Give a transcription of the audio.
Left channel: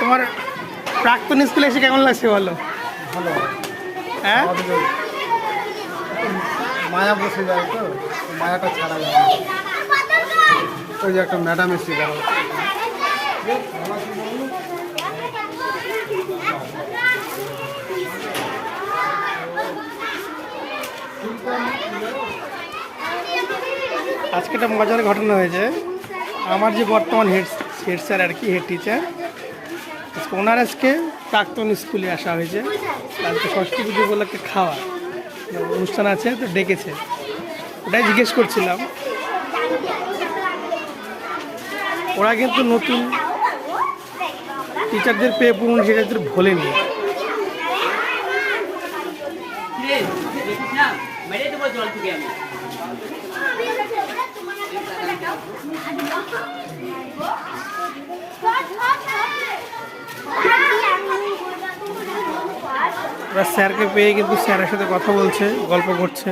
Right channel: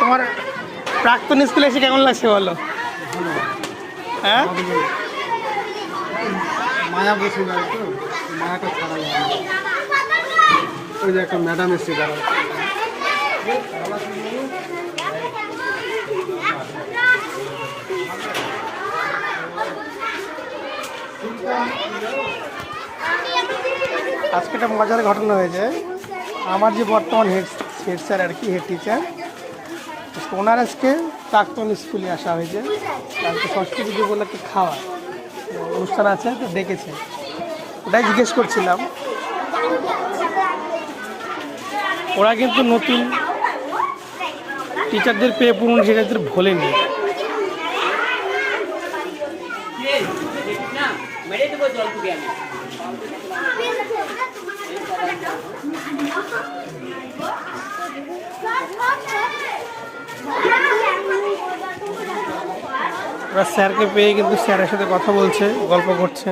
তোমার প্রাক্তন স্কুলে এসে কেমন লাগছে বলো? হ্যাঁ, মায়া বসে যায় তো, মায়াটা ছাড়া যায় না। ওই যে একটা ম্যাডাম এসছে যারা আজকে একটা মজার ঘটনা হয়েছে। আমার যে বর্তমান হেড স্যার আর কি, হেড টিচার, ওনার আজকে প্রাক্তন স্কুলে আসা হয়েছে। কালকে ষষ্ঠী পুজো বলে একটা খাওয়া অনুষ্ঠান আছে, তো ডেকেছে। ওটাই জিজ্ঞেস করছিলাম। ওরা কিন্তু নতুন টিচারদের পেয়ে পুরনো টিচারদের ভোলেনি। ওরা স্যারকে পেয়ে কিন্তু স্যারের সাথে কথা বলছে, গল্প করছে।